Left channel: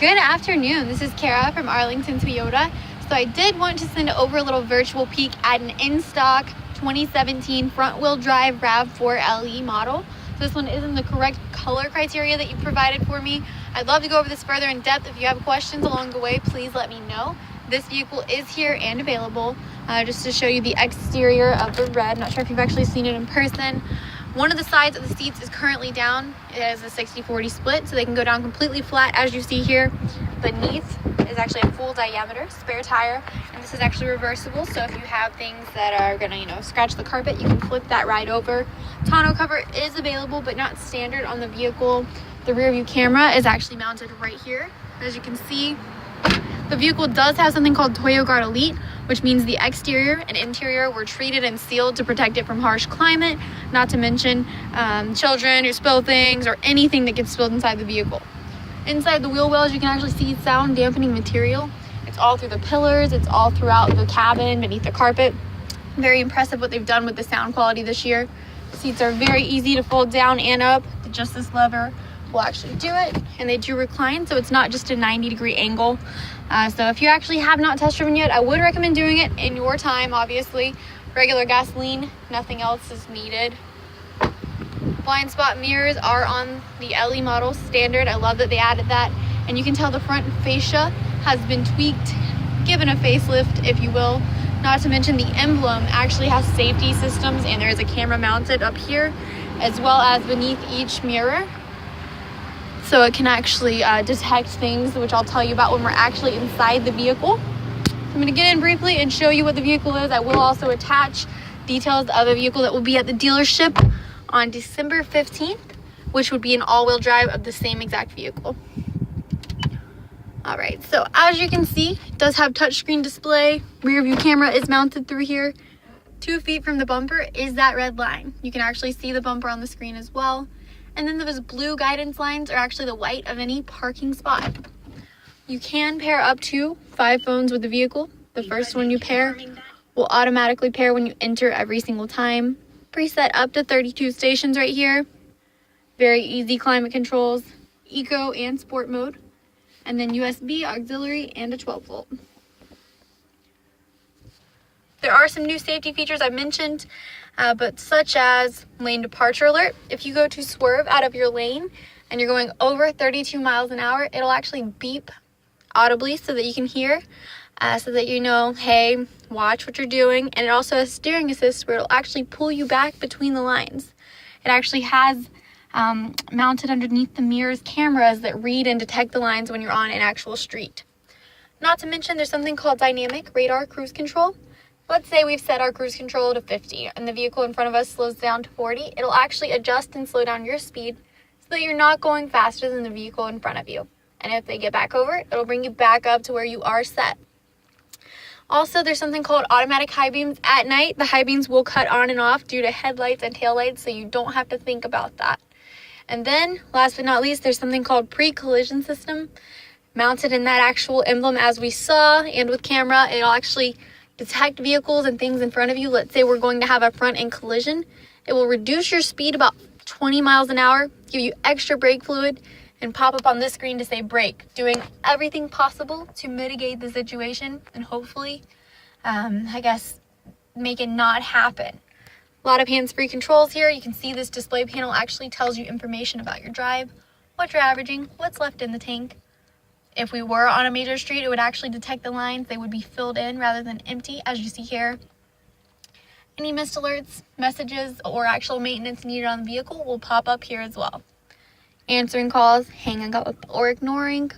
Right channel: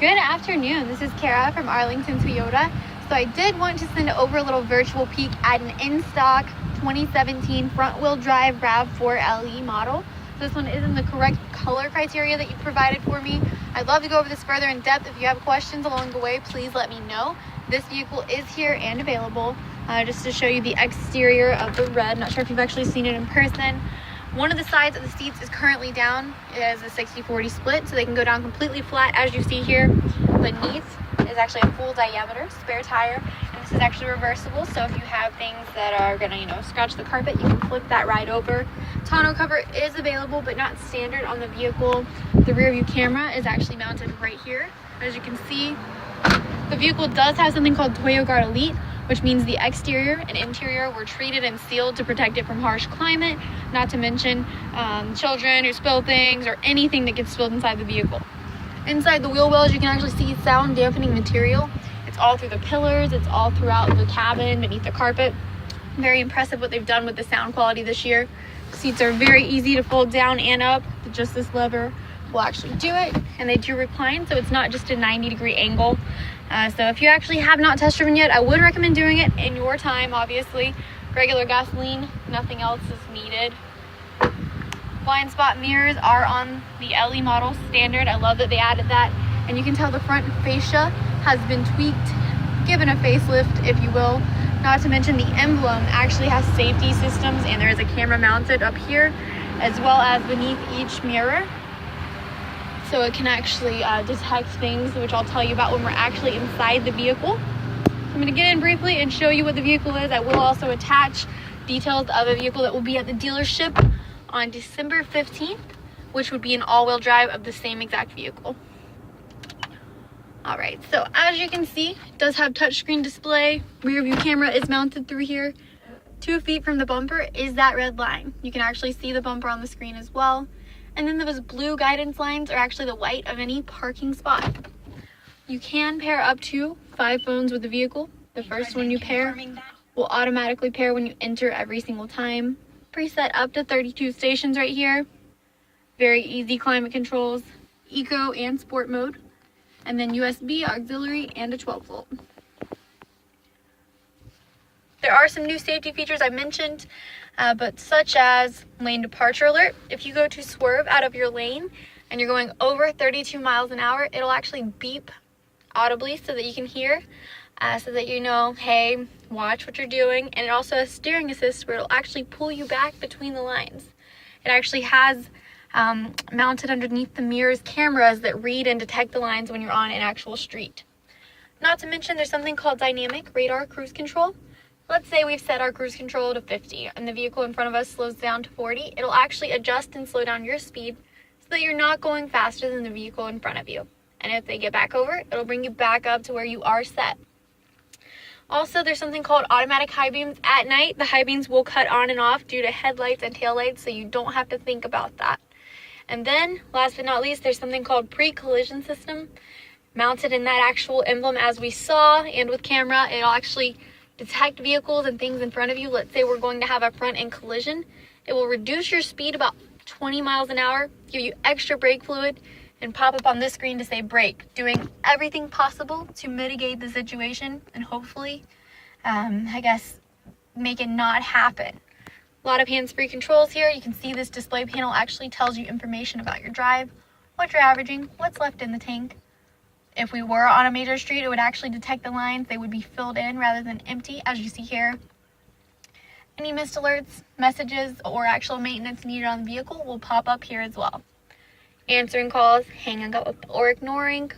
Good afternoon. This is Kara from Arlington Toyota. So I did want to send over a little virtual peek at an in-stock 2017 front-wheel drive RAV4 LE model. So this one is in the correct color criteria that you provided for me. I'd love to go over this further in depth. If you have questions along the way, please let me know. This vehicle is here and available. Just to show you the exterior of the red. Not sure if you've actually seen it in person. One of the sides of the seats is currently down. It has a 60-40 split, so they can go down completely flat as you see here. Beneath is actually a full diameter spare tire, and this is actually reversible, so if you have things that are gonna, scratch the carpet, you can flip that right over. Tonneau cover is available, but not standard on the vehicle. The rear view camera is actually mounted right here. As you can see, the vehicle does have something called ToyoGuard Elite, which means the exterior and interior were treated and sealed to protect it from harsh climate, not to mention children who spill things or anything that gets spilled inside the vehicle. Inside the wheel wells, you can actually see sound dampening material. It's all through the pillars, it's all throughout the cabin, beneath the carpet. Very impressive what they've done with the sound quality this year. The seats are very easy to fold down and up. Just this lever will actually do it, and they do recline, so it's not just a 90-degree angle. So if you actually have not test driven yet, I would recommend doing it in your time. Obviously, regular gasoline, nothing else is needed. Blind spot mirrors are on the LE model standard. I love that they added that, and you can tell the front fascia has been tweaked, given a facelift, if you will. Not to mention the emblem actually has safety systems, and there is a camera mounted up here as well as beneath each mirror, so it can actually detect things, which I'll tell you about when we're actually inside the vehicle. I'm going to get in briefly and show you what the vehicle is. I will also attach details of the vehicle that will be at the dealership on December 15th, which would be an all-wheel drive of the same exact vehicle. All right, so as you can see, it does have touchscreen display. Rear view camera is mounted through here. 2 feet from the bumper is that red line. You can actually see the bumper on the screen as well. And then those blue guidance lines are actually the white of any parking spot. You can pair up to 5 phones with the vehicle. The first one you pair will automatically pair when you enter every single time. Preset up to 32 stations right here. Very easy climate controls, eco and sport mode. And then USB, auxiliary, and a 12-volt. There are some new safety features I mentioned, but such as lane departure alert. If you go to swerve out of your lane and you're going over 32 miles an hour, it'll actually beep audibly so that you can hear, so that you know, hey, watch what you're doing. And it also has steering assist, where it'll actually pull you back between the lines. It actually has mounted underneath the mirrors cameras that read and detect the lines when you're on an actual street. Not to mention, there's something called dynamic radar cruise control. Let's say we've set our cruise control to 50 and the vehicle in front of us slows down to 40. It'll actually adjust and slow down your speed so that you're not going faster than the vehicle in front of you. And if they get back over, it'll bring you back up to where you are set. Also, there's something called automatic high beams at night. The high beams will cut on and off due to headlights and taillights, so you don't have to think about that. And then, last but not least, there's something called pre-collision system mounted in that actual emblem as we saw, and with camera, it'll actually detect vehicles and things in front of you. Let's say we're going to have a front-end collision. It will reduce your speed about 20 miles an hour, give you extra brake fluid, and pop up on this screen to say brake, doing everything possible to mitigate the situation and hopefully, make it not happen. A lot of hands-free controls here. You can see this display panel actually tells you information about your drive, what you're averaging, what's left in the tank. If we were on a major street, it would actually detect the lines. They would be filled in rather than empty, as you see here. Any missed alerts, messages, or actual maintenance needed on the vehicle will pop up here as well. Answering calls, hanging up or ignoring.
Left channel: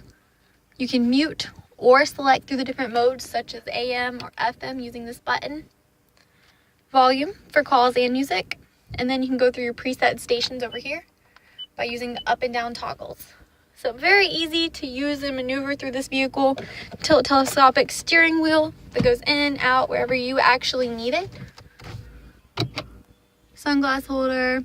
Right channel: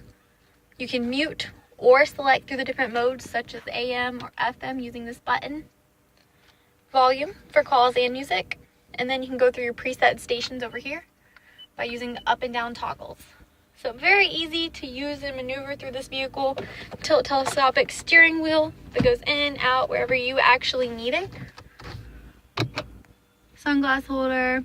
You can mute or select through the different modes, such as AM or FM, using this button. Volume for calls and music. And then you can go through your preset stations over here by using the up and down toggles. So very easy to use and maneuver through this vehicle. Tilt telescopic steering wheel that goes in, out, wherever you actually need it. Sunglass holder.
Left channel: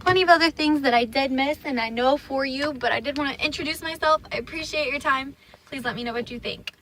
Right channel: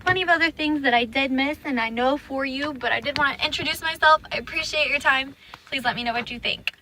Plenty of other things that I did miss and I know for you, but I did want to introduce myself. I appreciate your time. Please let me know what you think.